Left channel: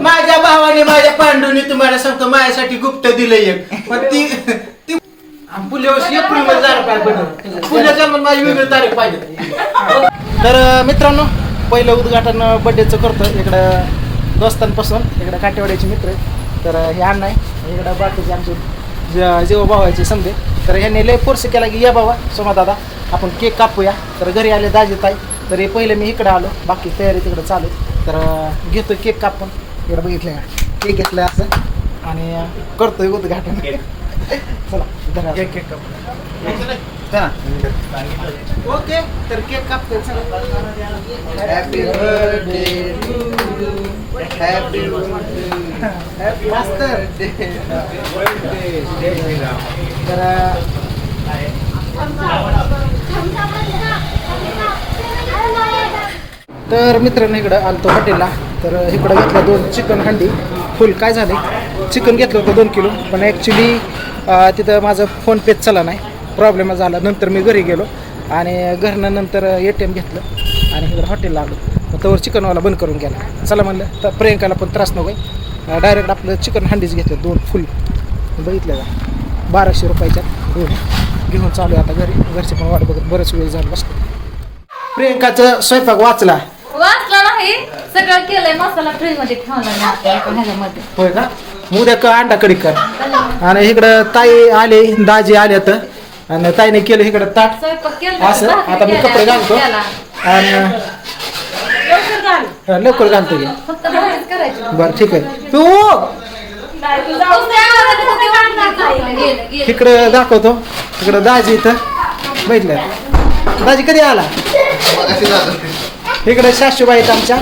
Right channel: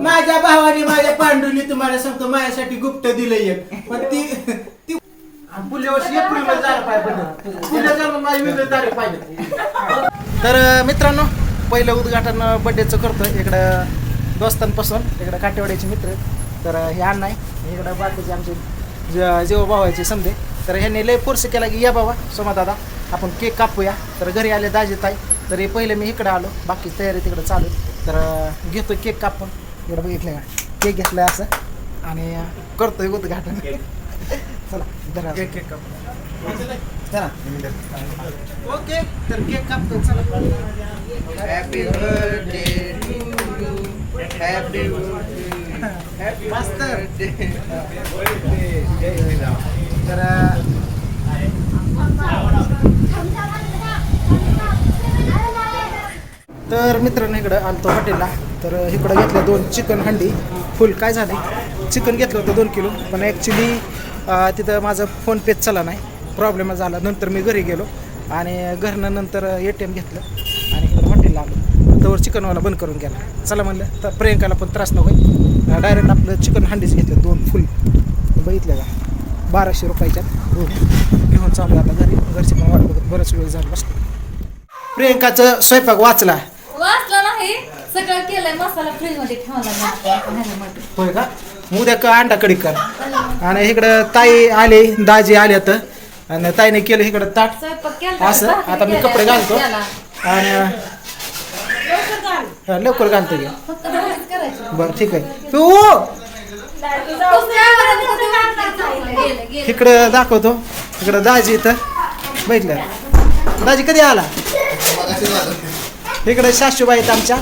माझ्या भावाने माझ्या पांडूने तुम्हाला सांगतो माझ्यासाठी गुप्त दिलं एक. पण ती ती पुल्या वर्षी एप्रिलमध्ये झालं पाहिजे माझी वेगळी तारीख पाहिजे तर मित्रांनो पहिलं उद्घाटन बड्डेचं करतोय. इकडं दोस्तांपासून इकडं काटेवाड्याचे मित्र आहेत. तर हे अण्णा आहे इकडं बाकीचे आमचे जेव्हा भावायचे समजे. तर ह्यांनी लय फोर्स केला की या बाबा सोमा दादा आपण केक कापूया. तर घरी आले दाजी ताई तर हे पहिले मी इकडे आलो. बाकी तयारी तिकडे चालू. तर घेतो केक कापून. इकडे बघितलं केक घेतलं असं. आणि करतोय उद्घाटन. चला धरा. चला. ओके तर केक कापतोय. चला. हॅपी बर्थडे हॅपी हॅपी मास्तर तर तर मित्रांनो इकडं आलतो हॉटेलला. तर इकडं घेतलं दोन चिकन हंडी. फुल काय झाले चिकन घेतलं होतं दोन किलो पण ॲक्च्युली तिथं माझं फोनपेच चला नाही. प्रॉब्लेम झाला. नंतर मी घरी गेलो आणि घरनं नंतर ए टी एम घेतलं आणि इकडं हॉटेल लागलं. तर चिकनवाला बंद करून गेला. चला म्हणलं तर प्रियंकाला पण त्रास नको. डायरेक्ट आपलं चिकन हंडीच घेतलं दोन फुल. बघितलं का? बाराशे रुपयाच्या दोन. घेऊन चालू आहे आता घरी. घरचे पण वाट बघत बरेच वेळ झाला बसतो प्रियंकाचं स्वयंपाक वाचला. सगळं केलंय मसाला फ्रीजमध्ये ठेवला ह्याच्यामध्ये होय का? उद्या क अंडा कडी कर. आणि इकडं ताई आले दाजी आले तर आणि ताईने केलं इकडं ताट. स्वयंपाक केला असं? आता मी कपडे घालतो. आणि हा, लवकर घालतो फक्त भाजीच करायची. बरं ठीक आहे. तू गेलं गेलं इकडं दाखवतो. इकडं दाजी इथं बघितलं दाजी कधी आला? इकडं सासूबाई आहेत आमच्या.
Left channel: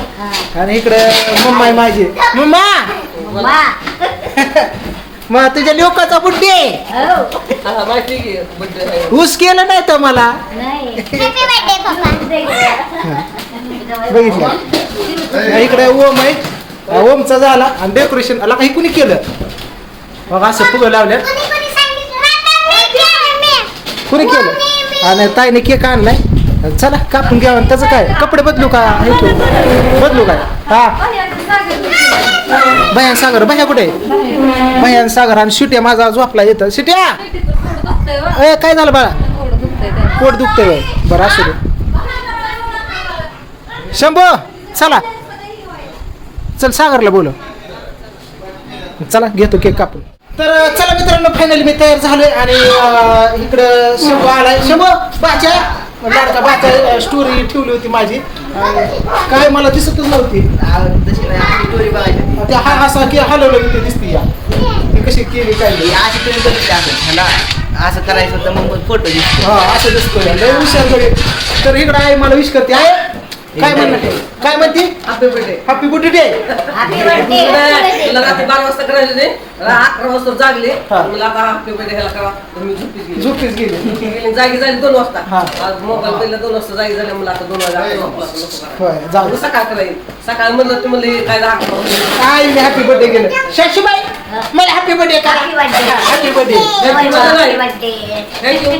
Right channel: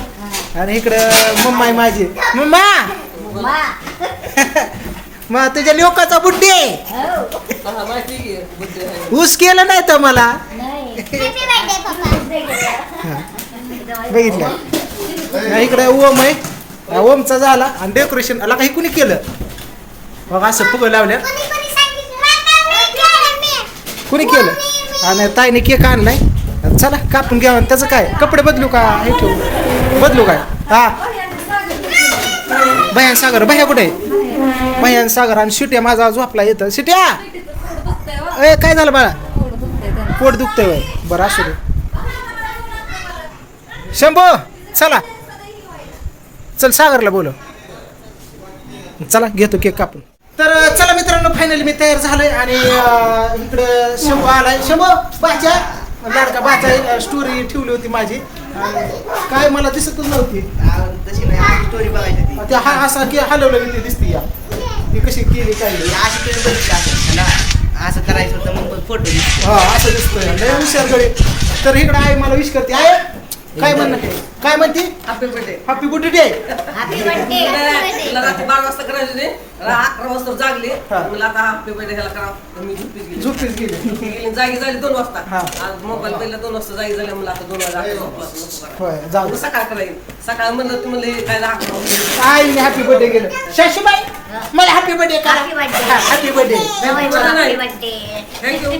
आणि इकडं मम्मा आहे माझी. मम्मा! मग तुझ्या लोकाचा बुड्डे ऊस केलं नाही तर मला. बघितलं. इकडे ओम आहे. ओमचा झाला. आणि डेकोरेशन आला काही कुणी केलं? बघा असं फुगं लावल्या कुणी केलं? आणि ताईने केक आणलाय. चला कापून घ्या त्याचं काय? कपडे बदलू का? हे तू. बदलू काय? हा. भयान सागर भया कुठे आहे? भयान सागर आणि शिट्या माझा झोपला येतं शिट्या! ए काय झालं बाळा? पोट दुखतंय बाय बरं असू दे. शंभो चला. चल सागरला बोलो चला घेतो केक कापून. तर चला मित्रांनो फायनली मी तयार झालोय आणि इकडं शंभू आलाय. शंभू बाच्या लाडका बाचा स्टोरी ठेवली होती माझी. काय मला दिसतच नव्हती. ते हा असा की हलवलं मी ते दिसते या. ती कशी केली काय नाही. असं करायचं तर मग फोटो दिसतो. हा असं दिसतोय. लय हुशार गडे. तर इकडं आहे मला विश करते आहे काय म्हणते? काय म्हणते? हॅपी बर्थडे हॅपी बर्थडे तुला रात्री बारा वाजता करायचे ते रा- अकरा वाजता जागले. मला आता हॅपी बर्थडे घ्यायला करा. मी गेले. झोपेच गेली. जागी झाली दोन वाजता. हा. आज मोबाईल पहिला दोन वाजता जागी झाले. मला आता दोन वाजता सकाळ करायची. सकाळ म्हणलं ते म्हणले काय. काय मी हॅपी बर्थडे गेलं शशीबाई मला हॅपी बर्थडे करा. हॅपी बर्थडे नाही. थँक्यू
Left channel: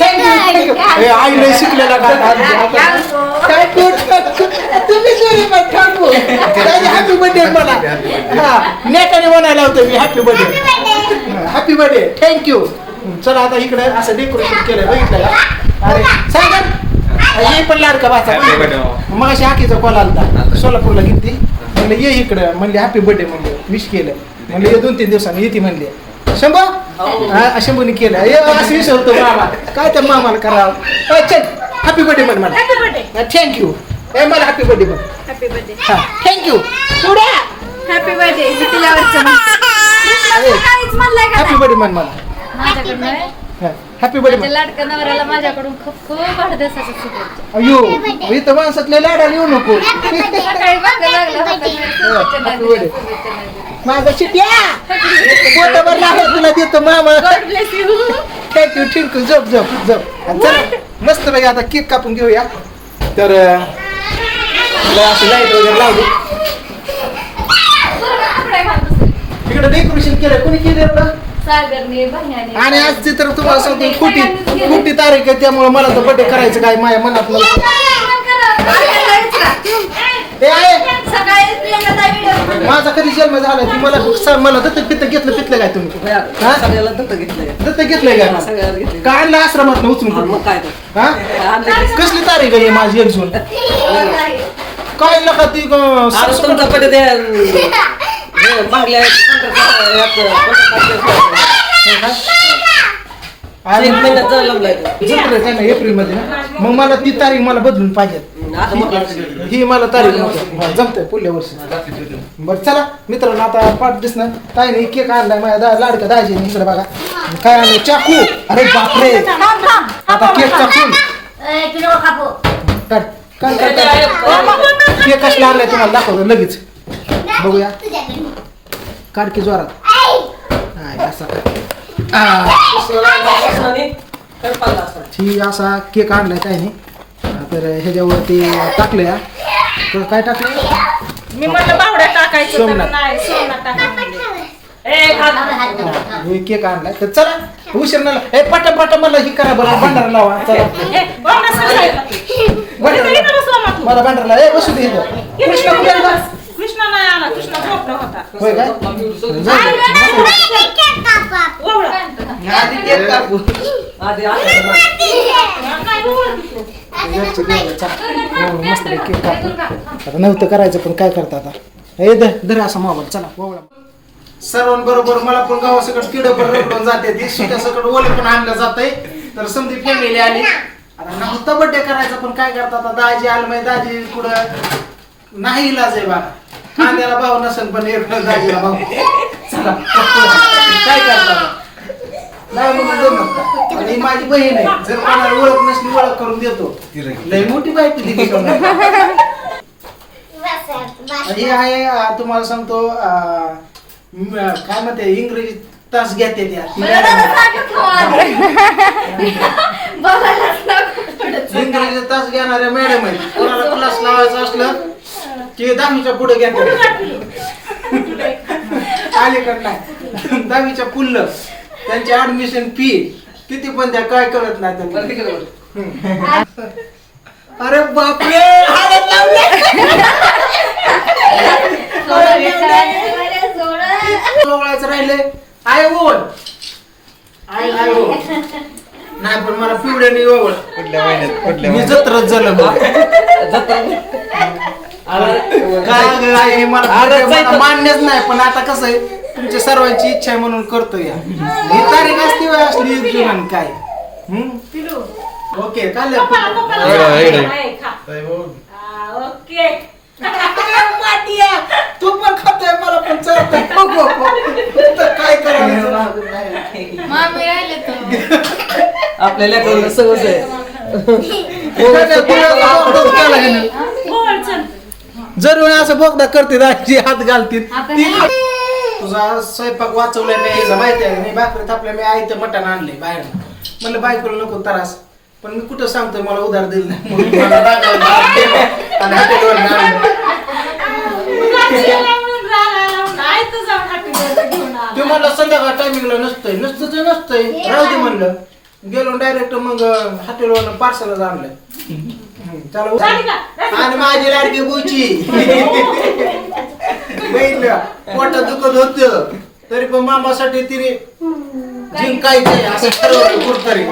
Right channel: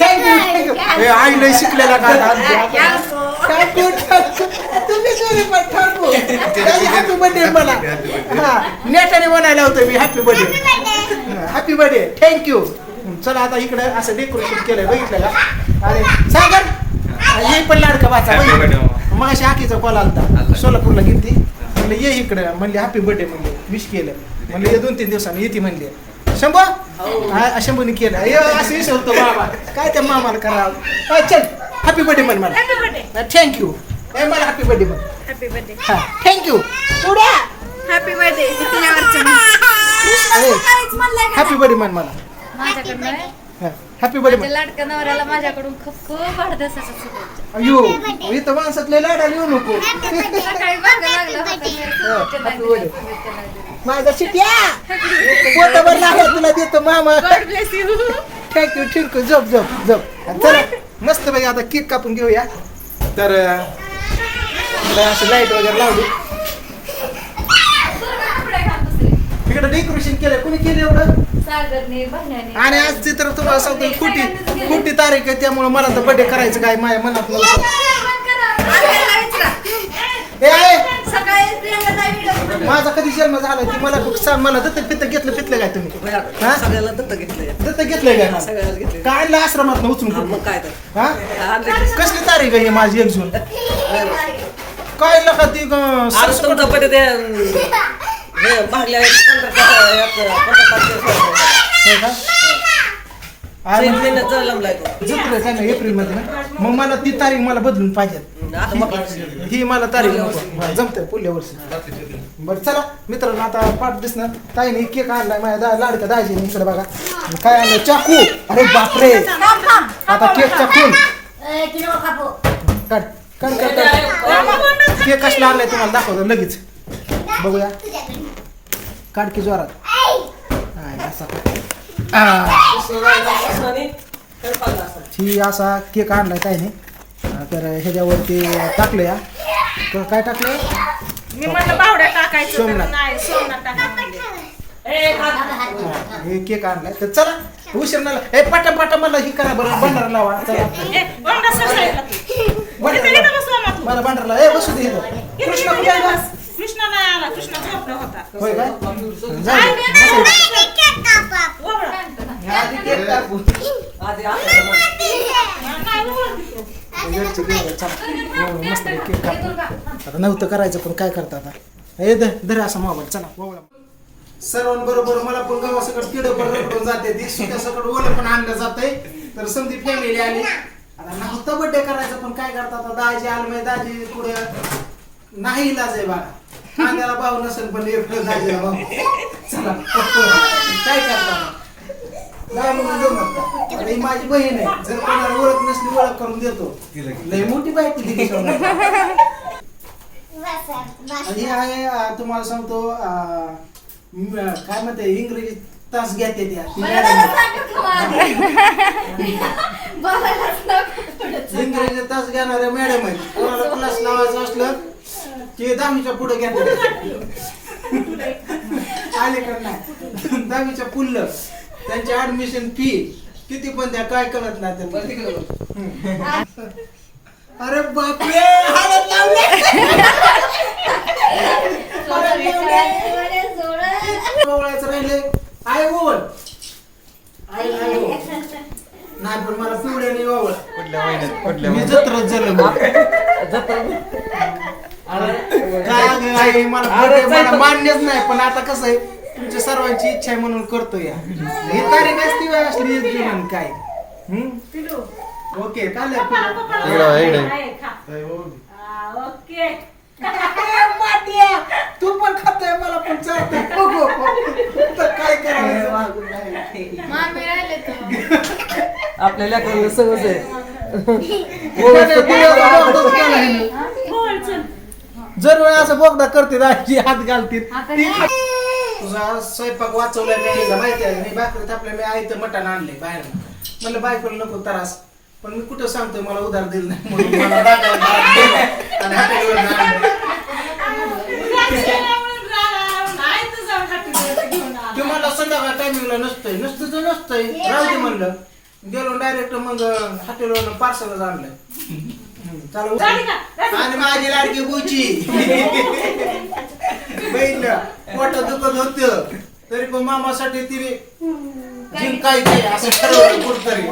थँक्यू आई लय शिकलेला का ठाकू तुम्ही सॉरी पण ठाकू हॅपी बर्थडे मला हा नेटाने म्हणायला होतं मी happy birthday happy birthday thank you चला आता इकडे असं डेकोरेशन केलं बघितलं का? अरे सागर ये पण लाडका वाचा मग अशी आखीचा कॉल आलता सोलापूरला गेलती म्हणलं ये इकडं म्हणले हॅपी बर्थडे म्हणले विश केलं. म्हणले ये दोन तीन दिवसांनी येते म्हणले. शंभा? हा, शंभूने केलं. ये असं विसरतो बाबा. काय त्या मामाला करावं? चल. हॅपी बर्थडे म्हण मला थँक्यू ए मला हॅपी बर्थडे म्हण हॅपी बर्थडे हा थँक्यू पुढे हॅपी बर्थडे हॅपी बर्थडे म्हण मला माझ्याकडनं हॅपी बर्थडे माझ्या म्हण लाडक्या नवऱ्याला माझ्याकडून खूप खूप वाढदिवसाच्या शुभेच्छा. अयो इथं माणसातले नको. सकाळी मागं लागलं होतं मी शुभेच्छा नाही Happy birthday. दिल्या, शुभेच्छा नाही दिल्या. माझा शिट्या. लागला तुला देतो मामा. God bless you. Thank you thank you झोप झोप झोप. आणि चला. मस्त पैकी आता केक कापून घेऊया. तर अं, तुला अशी लाइट वगैरे लावली. तिकडे डेकोरेशन केलं कोणी केलं आणि आज तर तुम्हाला सांगतो खोटी खोटी तारीख आहे त्यामुळे मला तर बर्थडे करायचं काय? माझ्या मनात मला हे आहे सकाळी प्रियंकाचा व्हिडिओ माझा कधी जन्म झाला? ती मला सांग मला दत्तक पित्त घेतलं पितलं काय तुम्ही? हा? सगळ्याला घेतले घेतलंय. का? सगळ्याला घेतले का आणलं आश्रमात उचलून मग कुठं? काय तर. हा? आणले की- कसली तारीख आहे माझी एक जून? काय लका ती अं, आता सरसकट- तुमच्या पहिले ते हे मागल्या पंधरा- पंधरा का? आहे एक महिन्यात जर लावलाय तो. जत्रा आहे ना एप्रिलमध्ये ना? मग मला ती तारीख मला बदलून पाहिजे मग ही मला तारीख नको. जमतंय पुढल्या वर्षी. बरं चला मित्रांनो आता पाठ दिसणार. काय नाही केक आणलाय माझ्या दा- लाडका दाजी इकडे बघा. काय आणलं चाकू. अरे बापरे. आता केक चाकून. काढ काढ काढ काढ. केक कसला आणलाय तुम्हाला? दाखवतो लगेच. बघूया. काढ की जोरात. नाही असा आ. ही असा. केक आणलाय काय नाही तर ह्याच्यावरती टाकलंय हा. तर काय टाकलंय मी म्हटलं बावड्या टाकायचं तर सोमनाथ. नाही सोमनाथ टाकायचं ए, हा, हे केक आणलाय तर चला उशीर नाही हे पटा पटा मला ही करा बरं भंडारा लावा चला ए, बावड्या सगळ्याला. भंडारा इथं- इथं लावा. बसवा मग तू. मला भंडारा ए बसू दे इथं. कृष्ण कुठे आहे बा? कृष्णा नाही आला कृष्णा झोपला होता होय काय जाऊ दे. आधी आधी. नाही. हो, मस्त केक आता नव्हतं करायचं पण काय करता आता हे धर असं असा मोबाईल चला मोबाईल सर्वांबरोबर मला पण गावासकट किड रडून जाते. ती सुट्यासकट ओलं पण आणलं जातंय. तर समधी फॅमिली आली. आता नव्हता बड्डे करायचा पण काय करता आता? दाजी आलं माहिती दाजी कुठं? नाही इलाज आहे बाबा कांद्याला भाव नसेल पण एक दाजीला भाऊ चला. काय करता नाही म्हणून जमत का? आणि ही माझी बहीण आहे. जर कोणाला ओळख नसली ओळख करून देतो. लय मोठी बायको दिली हे आहे अं, तुम्हाला सांगतो अं, म- काय म्हणते इंग्रजी तास घेते त्या. मॅडम. इंग्रजी तास घेणाऱ्या मॅडम आहे कोणाला क्लास लावायचं असलं की दहावीच्या पुढे घेते. अलीकडे नाही. दहावीच्या पुढलं. त्यांची ऍडमिशन फी किती पण त्या काय कळत नाही त्यांना. तिकडे. अरे बापरे! ओळायचं राहिले. आय ओळ आय आय ओळ नाही पण मला पिवड्याने ओळ महिन्यात पुढल्या मी महिन्यात? जत्रच झालं मग. काय ग, आई, मला अरे, मला जायचं. मान्यच नाही पण आता कसं आहे? तुमच्या सर्वांची इच्छा आहे म्हणून करतो या. ही तारीख असती वेळ असली एक जून काय? हम्म? ओके खा. हा, ओके. तू पण खातोय मला पण चालतंय. बघू तर काय करायचं? मामी राहिले तर. आपल्या लेकरांना सगळंच आहे. एखाद्या आहे ना. बोल चल जर वेळी असं बोगदा करते हात घालतील. ती हे- तुझा स्वयंपाक वाचवलाय मी हिला माहिती आहे मी भाकरी थापल्या मी आई तर मटण आणले बाहेर म्हणलं बायकोला नको त्रास पण मी कुठं सांगतोय मला उधार दिलं नाही म्हणून मला रागावलं. आणि हॉटेलवर आणलं. तर. ते मला संध्याकाळ टायमिंगला नसतंय नसतं ते नसतंय राहू दे म्हणलं गेलो डायरेक्ट मग हॉटेलवर पार्सलच आणलं हम्म, झाली. का? आणि माझी लाडकी बुची बघितलं पोटात दुखत होत. तरी पण मामासाठी तिने जिंकायचे असं ठरवलं कुठतरी.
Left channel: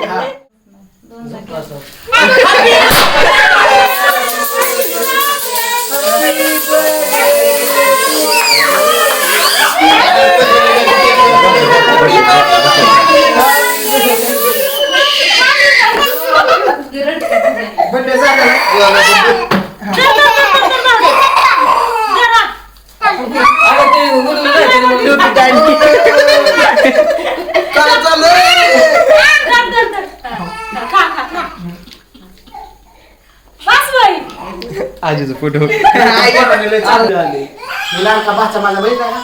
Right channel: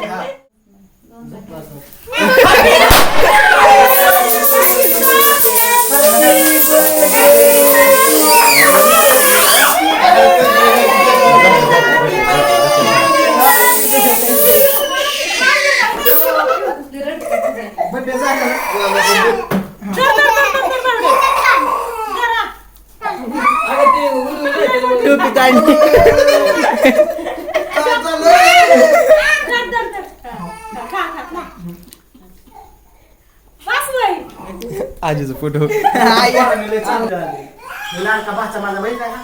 नाही, ते काय झालं धर, धर, धर. खा, खा, खा. बस बाई. आजीचा फोटो भाचा माझा आहे.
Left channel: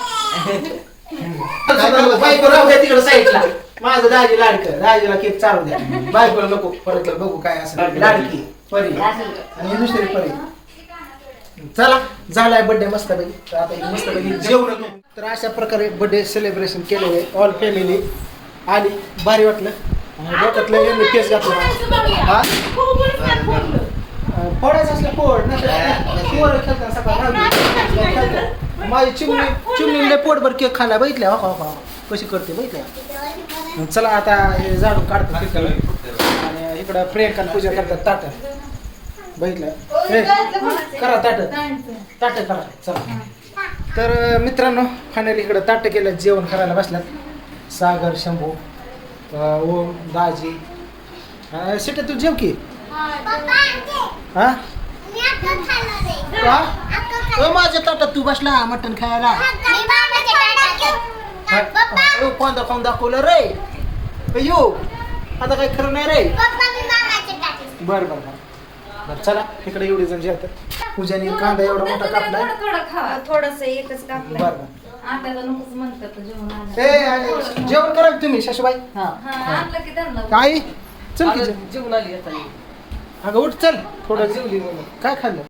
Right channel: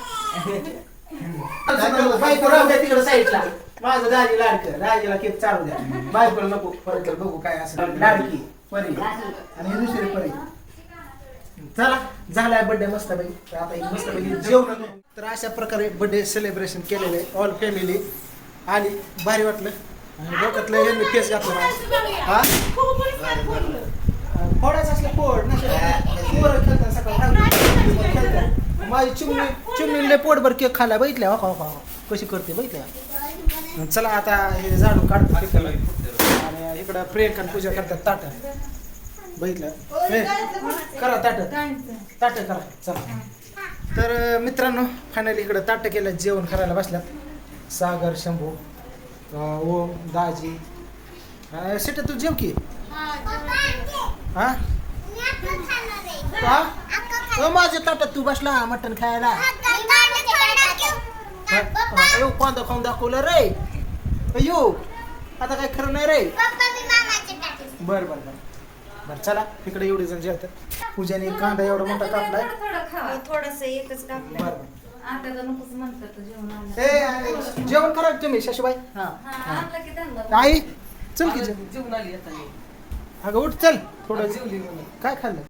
बायको राहू द्या तिकडे साईडला माझं दाजी लाडकं दाजीला केक चालू द्या बायकोला नको परत बघू काय असं लाडकी परी आणि दुसरी परी चला झालाय बर्थडे मस्त पैकी तर आता एक मस्त पैकी जेवण तर अशा प्रकारे बर्थडे सेलिब्रेशन केलेलं आहे ऑल फॅमिली आली भारी वाटलं. आणि डोक्यातलं यांनी फेस घातला. हा. फोडायचं असलं फोड नसेल पोरं खेळतात सकाळ. माझी चिमणी चिमणीले पोटभर केक खाल्ला बघितल्या? हो हो कशी करते बघितल्या? चला आता हे झाडून काढतो. तिकडं. आणि इकडं प्रियंका पूजा करतात ताट बघितलं? करा ताट. ताट करा चला. तर मित्रांनो फायनली इकडं ताट केलं जेवण करायला बसल्यात. सागर शंभू ओम दाजी. सीटा तू जेव की? हा? ओ, माझ्या ताटात तू बसला मटण खायला? ओ, कोणता खाऊन दाखवलं रे. अयो आता काय खरं नाही रे. बर बर बर. बर चला इकडे एवढी जण जेवतात पूजाने कांदा एवढा मोठा कापलाय थोडं थोडं खा थोडस एकच कापलंय. बर बर. आत्याचं नकोच म्हणतात जेवण आणलं ए आणि जेवण करा की तुम्ही शशूबाई. हा. हा आणलं की त्यांना काय चल की जेव. जेवून आली आता. अगं उठ चल. थोडं जेवली म्हणून. काय खाल्लं?